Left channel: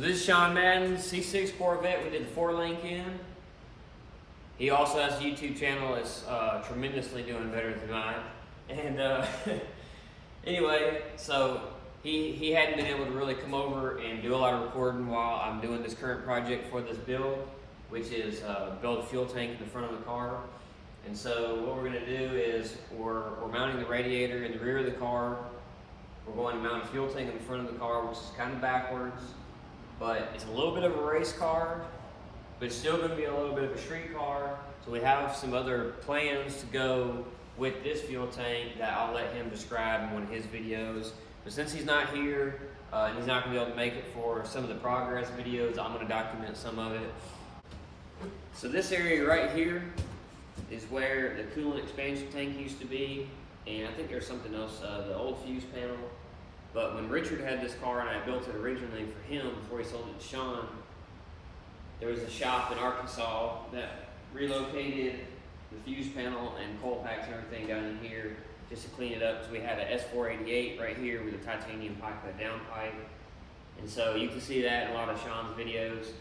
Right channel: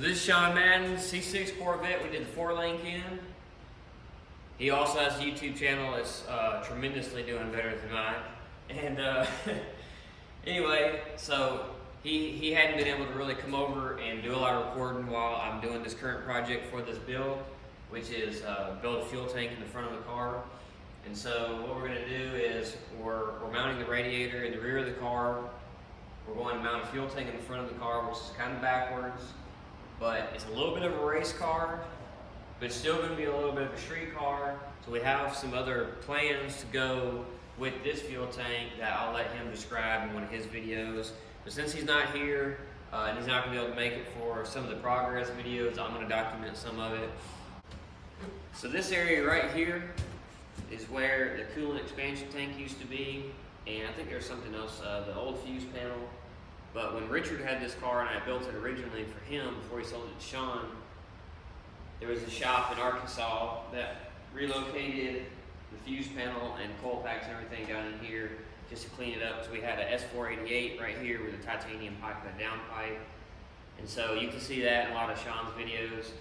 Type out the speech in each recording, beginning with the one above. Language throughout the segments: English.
So this is Sean Madden, C6 Corvette. We did the 4-lane in. He also has a YouTube channel that's tremendously doing better than mine. And anyway, so he hadn't been able to really come over and do a lot of recording while I'm doing this current project for this build, which is build a fuel tank in the front of the car. And so what we're going to do is we're mounting the radiator in the rear of the car. We're going to mount a fuel tank in the front of the car, which is kind of backwards, but it's a little bit of a race car, but it's still going to be a little bit of a street car. So we have some other plans to go with this fuel tank that I'll let him describe in one of his videos. But since he's not here, and he's not going to be able to make it for some of the progress videos, I'm going to document some of it. So this area right here is where the coolant expansion tank used to be, and I think there's something else, the old fuse panel. But when Richard had this car and I built it originally for him before he sold it to Sean, there was a shop in Arkansas that relocated the fuse panel and coil packs and everything down in here just to clean it up. So we had a S488 right here with a titanium pipe and a down pipe. And so you can see that in a lot of Sean's videos.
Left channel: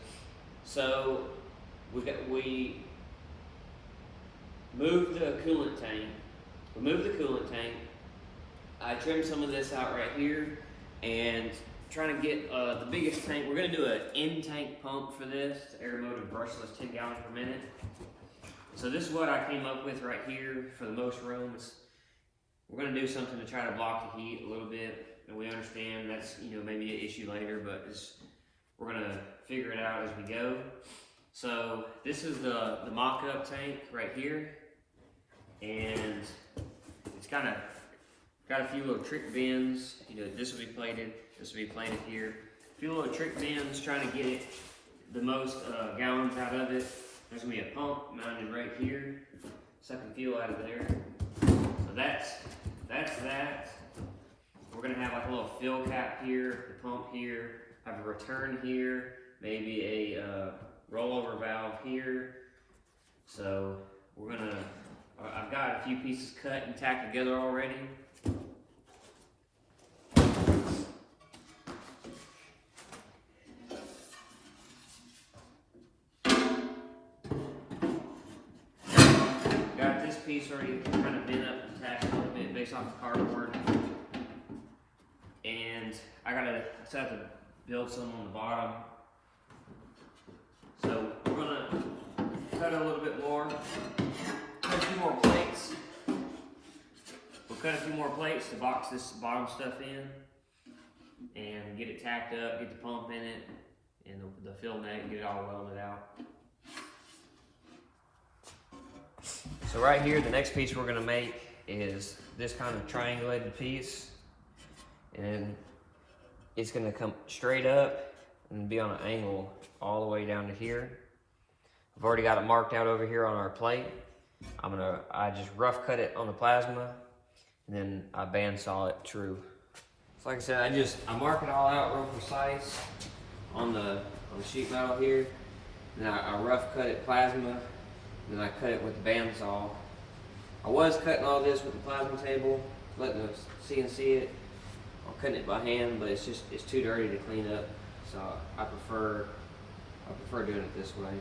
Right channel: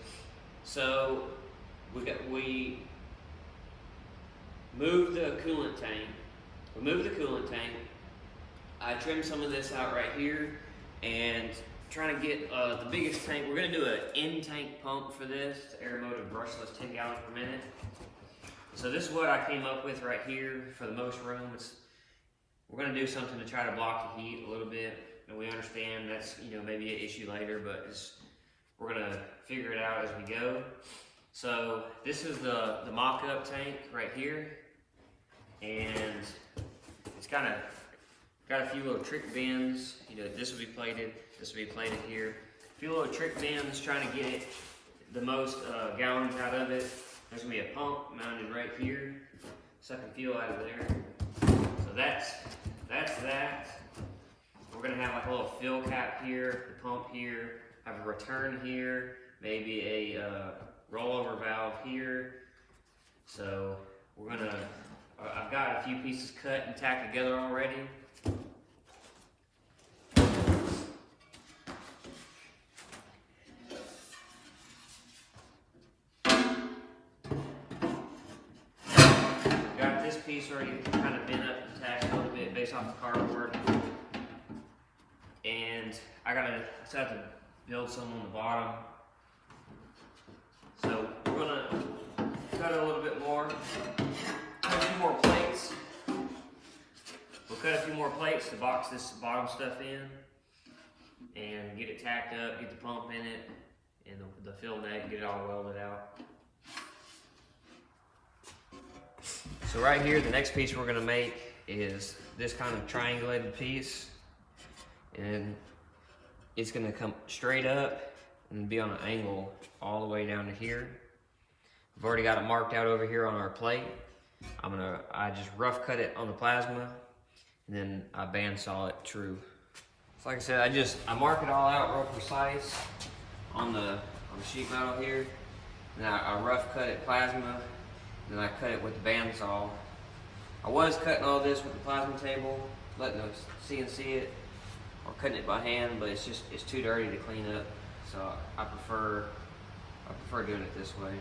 So we moved the coolant tank. We moved the coolant tank. I trimmed some of this out right here and trying to get the biggest tank. We're going to do an in-tank pump for this. It's air motive brushless 10 gallons per minute. So this is what I came up with right here for the most room. We're going to do something to try to block the heat a little bit. And we understand that's, you know, maybe an issue later, but we're going to figure it out as we go. So this is the mock-up tank right here. And it's kind of got a few little trick bends. You know, this will be plated, this will be plated here. A few little trick bends trying to get it the most gallons out of it. There's gonna be a pump mounted right here, sucking fuel out of there. So that's that. We're gonna have like a little fill cap here, the pump here, have a return here, maybe a rollover valve here. So we're gonna, I've got a few pieces cut and tacked together already. Got this piece already kind of bent up and tacked a little bit based off the cardboard. And I still have to build some on the bottom. So we're gonna cut it a little bit more. Cut a few more plates. We'll cut a few more plates to box this bottom stuff in and get it tacked up, get the pump in it, and the fill neck, get it all welded out. So right here, the next piece we're gonna make is this kind of triangulated piece, and it's gonna come straight up and be on an angle all the way down to here. I've already got it marked out over here on our plate. I just rough cut it on the plasma, and then I bandsaw it true. So like I said, I mark it all out real precise on the sheet metal here. And I rough cut it plasma, and then I cut it with the bandsaw. I was cutting all this with the plasma table, letting the CNC it. I'm cutting it by hand, but it's too dirty to clean up. So I prefer doing it this way.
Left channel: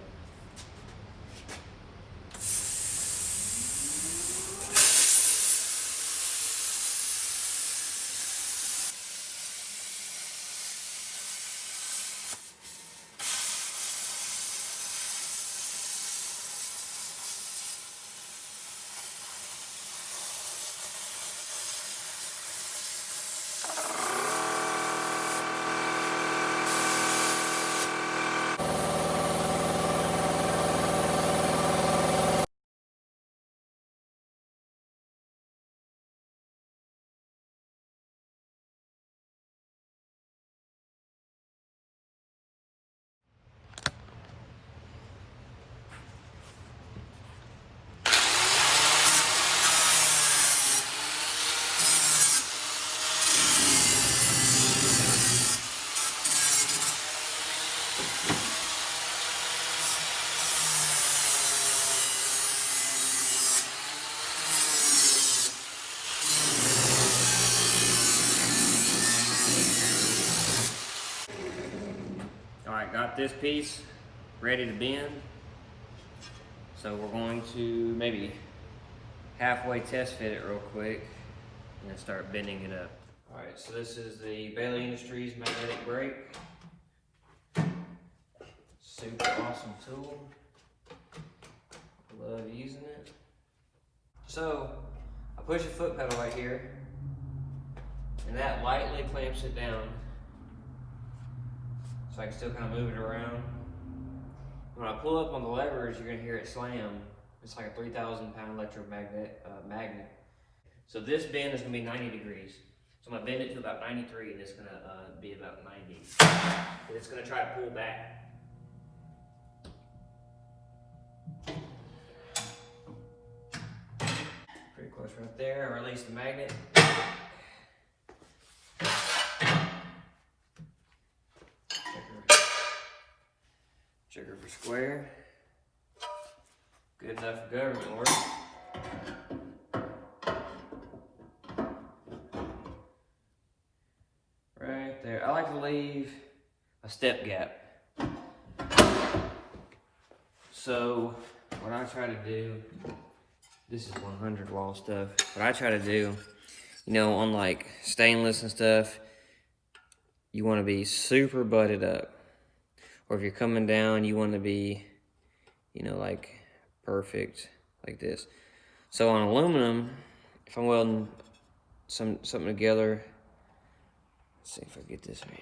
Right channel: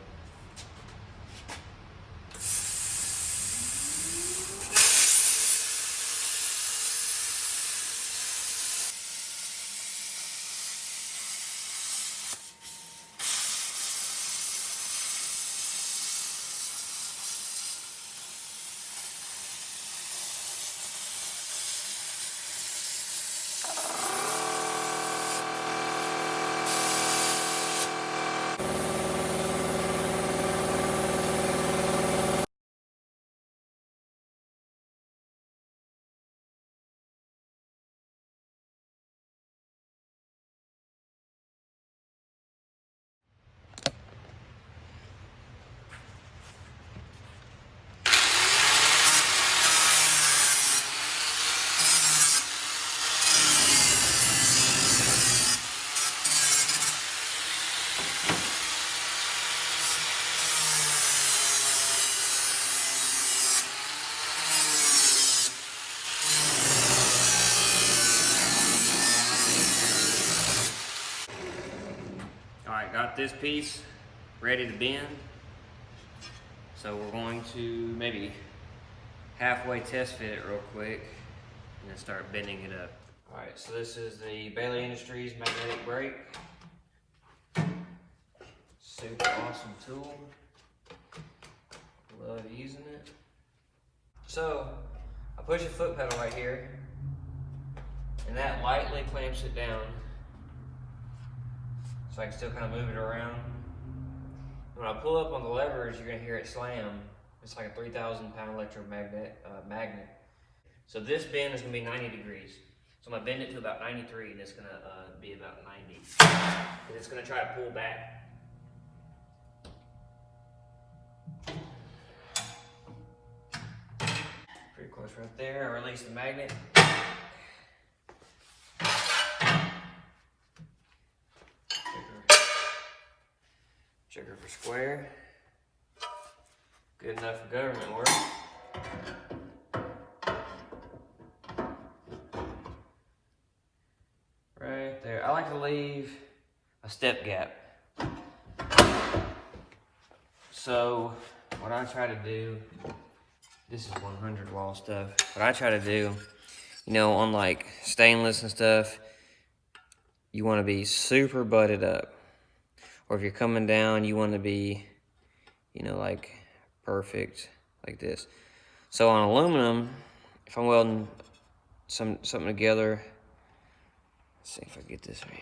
Alright, got this piece ready to bend. So we're going to maybe halfway test fit it real quick and then start bending it up. Alright, so this is the Bailey Industries magnetic brake. Super awesome tool. Love using it. So I push a foot pedal right here and that lightly clamps it down so I can still kind of move it around. When I pull up on the levers, you're gonna hear it slam. It's like a 3,000 pound electromagnet magnet. So this bend is gonna be 90 degrees. So I'm gonna bend it to about 93 and it's gonna be about 90. And it's gonna try to pull back. Pretty close right there. I release the magnet. Trigger for square. Good enough for government work. Right there. I like to leave a step gap. So what I try to do, this is 100 wall stuff. What I try to do, you know, on like stainless and stuff, you want to be super butted up. Or if you're coming down, you want to be, you know, like perfect, like this. So on aluminum, if I'm welding something together, let's see if I get this right.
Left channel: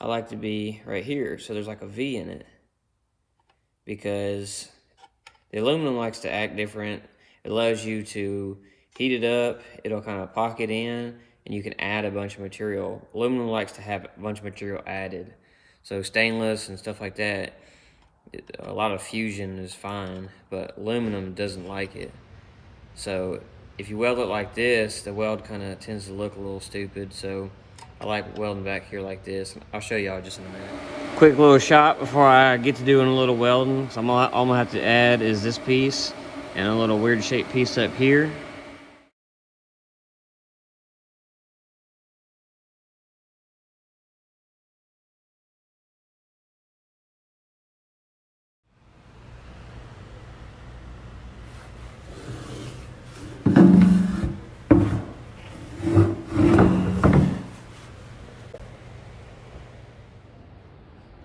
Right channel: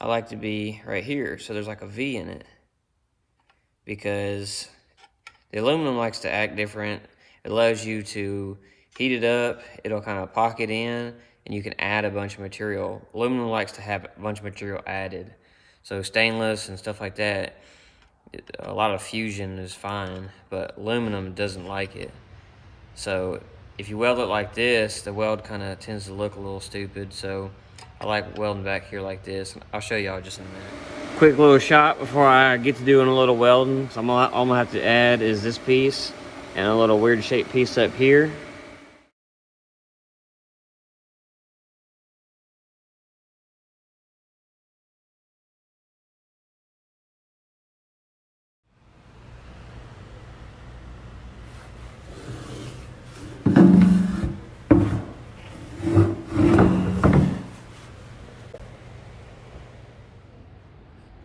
I like to be right here, so there's like a V in it. Because the aluminum likes to act different. It allows you to heat it up, it'll kind of pocket in, and you can add a bunch of material. Aluminum likes to have a bunch of material added. So stainless and stuff like that, a lot of fusion is fine, but aluminum doesn't like it. So if you weld it like this, the weld kind of tends to look a little stupid. So I like welding back here like this. I'll show y'all just in a minute. Quick little shot before I get to doing a little welding. So all I'm gonna have to add is this piece and a little weird shaped piece up here.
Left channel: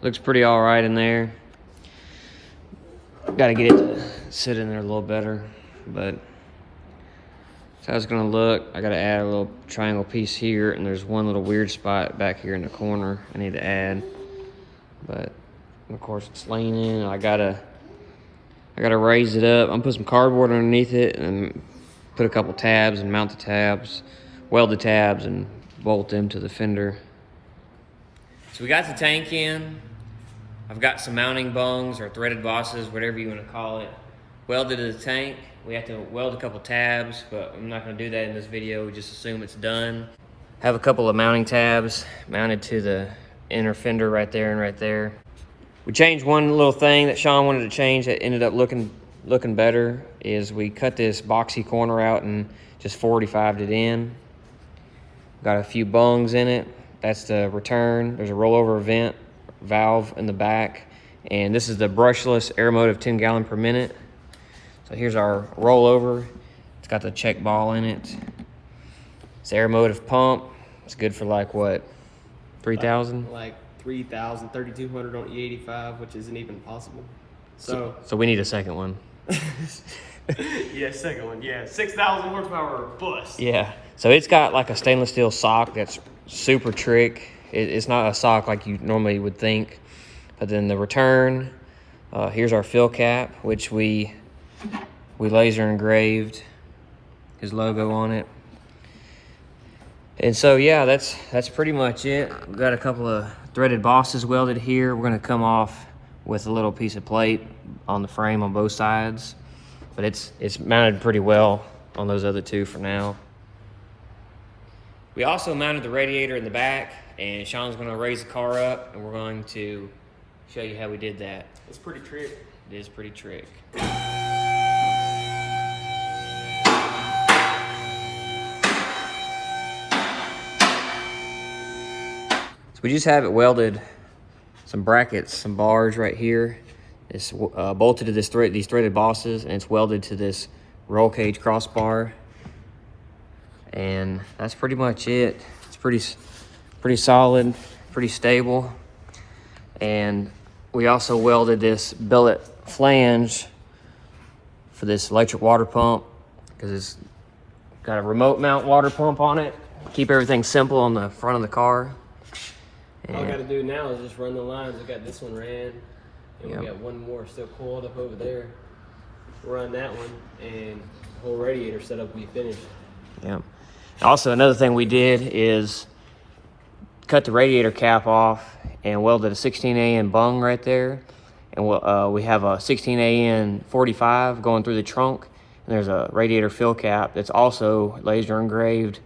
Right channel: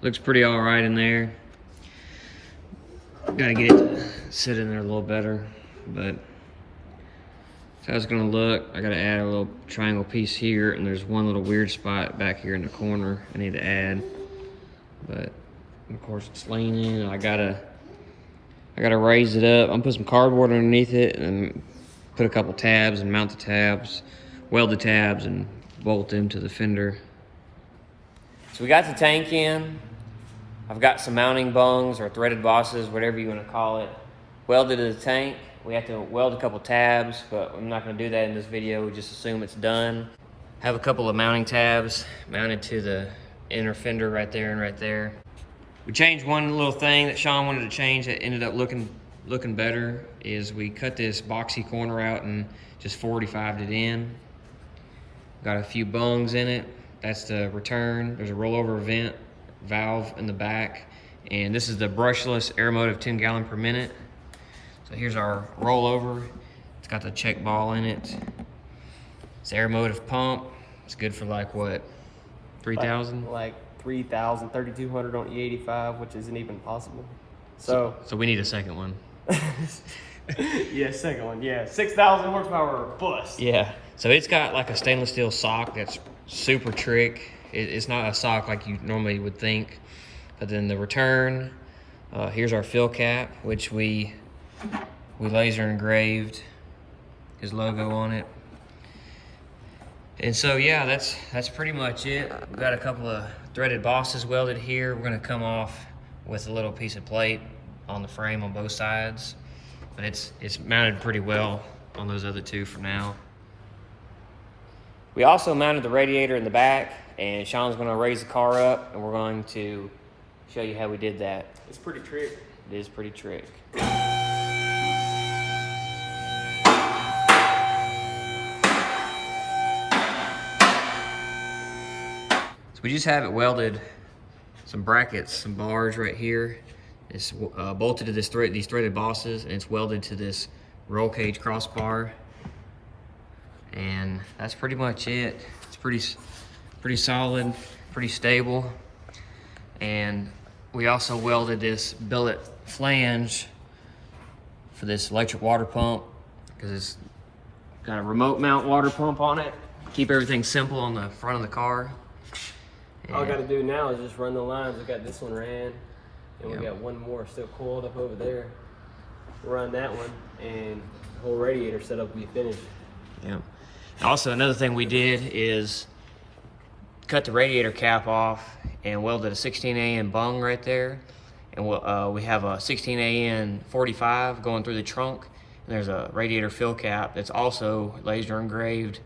Looks pretty all right in there. Got to get it to sit in there a little better, but that's how it's gonna look. I got to add a little triangle piece here, and there's one little weird spot back here in the corner I need to add. But of course it's leaning. I gotta raise it up. I'm gonna put some cardboard underneath it and put a couple tabs and mount the tabs, weld the tabs, and bolt them to the fender. So we got the tank in. I've got some mounting bungs or threaded bosses, whatever you want to call it, welded to the tank. We have to weld a couple tabs, but I'm not going to do that in this video. We just assume it's done. Have a couple of mounting tabs mounted to the inner fender right there and right there. We changed one little thing that Sean wanted to change that ended up looking better, is we cut this boxy corner out and just 45'd it in. Got a few bungs in it. That's the return. There's a rollover vent valve in the back, and this is the brushless air motive 10 gallon per minute. So here's our rollover. It's got the check ball in it. It's air motive pump. It's good for like what, 3,000? Like 3,000, 3,200 on E85, which isn't even possible. So we need a second one. Yeah, second one. Yeah, 6,000 horsepower bus. Yeah. So it's got like a stainless steel sock that's super trick. It's not a sock like you normally would think. But then the return, here's our fill cap, which we laser engraved his logo on it. And so yeah, that's pretty much it. We've got a couple of threaded bosses welded here. We're gonna come off with a little piece of plate on the frame on both sides. But it's mounted pretty well on those other two for now. We also mounted the radiator in the back, and Sean's gonna raise the car up, and we're going to show you how we did that. It's pretty trick. It is pretty trick. So we just have it welded some brackets, some bars right here. It's bolted to these threaded bosses, and it's welded to this roll cage crossbar. And that's pretty much it. It's pretty solid, pretty stable. And we also welded this billet flange for this electric water pump, because it's got a remote mount water pump on it. Keep everything simple on the front of the car. All I got to do now is just run the lines. I got this one ran, and Yep. we got one more still coiled up over there. Run that one, and the whole radiator setup will be finished. Yep. Also, another thing we did is cut the radiator cap off and welded a 16AN bung right there. And we have a 16AN 45 going through the trunk. And there's a radiator fill cap that's also laser engraved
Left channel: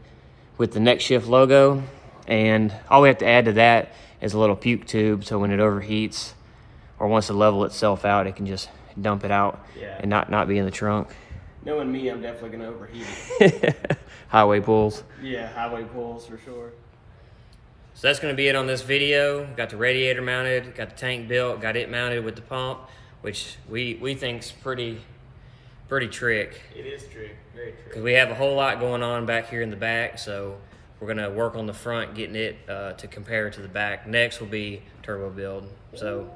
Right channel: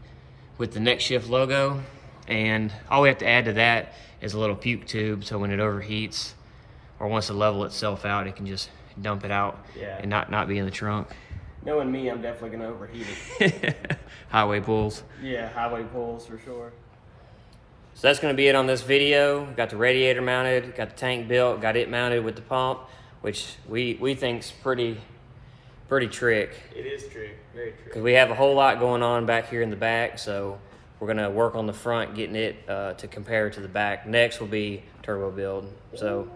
with the NXTShift logo. And all we have to add to that is a little puke tube, so when it overheats or wants to level itself out, it can just dump it out and not be in the trunk. Knowing me, I'm definitely going to overheat it. Highway pulls. Yeah, highway pulls for sure. So that's going to be it on this video. Got the radiator mounted, got the tank built, got it mounted with the pump, which we think's pretty trick. It is trick, very trick. Because we have a whole lot going on back here in the back, so we're going to work on the front, getting it to compare to the back. Next will be turbo build. So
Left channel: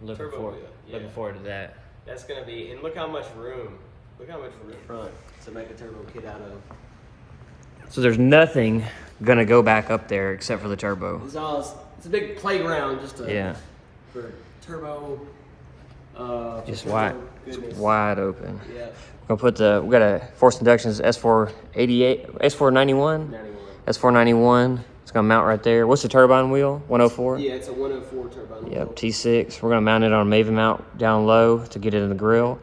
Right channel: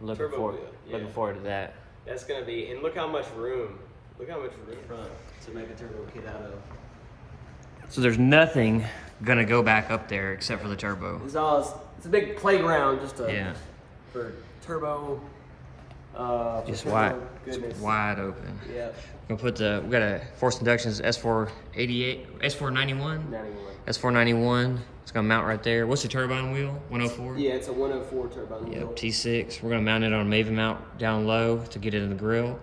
looking forward to that. That's going to be, and look how much room. Look how much room front to make a turbo kit out of. So there's nothing gonna go back up there except for the turbo. It's a big playground just for turbo. Just goodness. wide open. Yep. We got a forced inductions S488, S491, 91. S491. It's gonna mount right there. What's the turbine wheel? 104. Yeah, it's a 104 turbine. Yep, T6. We're gonna mount it on a Maven mount down low to get it in the grill.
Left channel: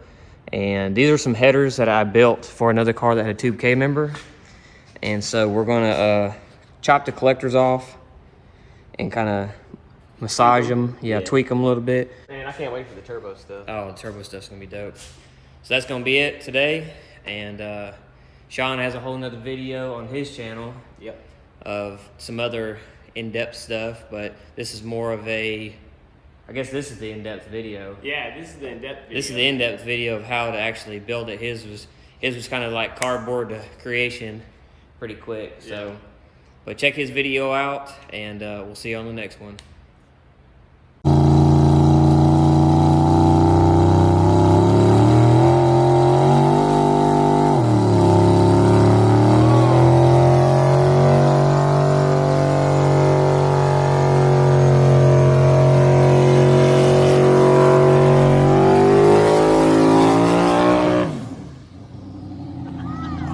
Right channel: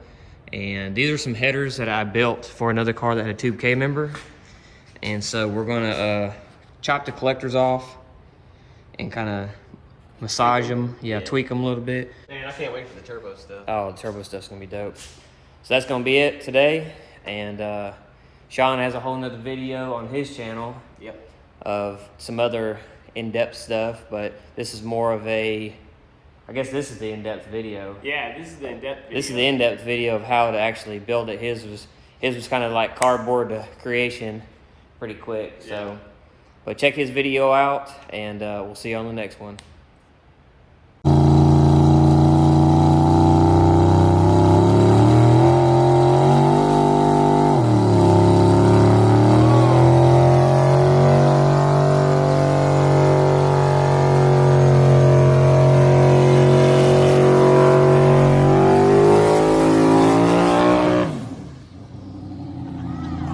And these are some headers that I built for another car that had a Tube K member. And so we're gonna chop the collectors off and kind of massage them, tweak them a little bit. Man, I can't wait for the turbo stuff. Oh, the turbo stuff's gonna be dope. So that's gonna be it today. And Sean has a whole nother video on his channel of some other in-depth stuff, but this is more of I guess this is the in-depth video. Yeah, this is the in-depth video. This is the in-depth video of how to actually build it. His was kind of like cardboard to creation, pretty quick. So, but check his video out, and we'll see you on the next one.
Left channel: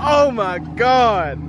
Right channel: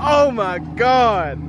Oh my God!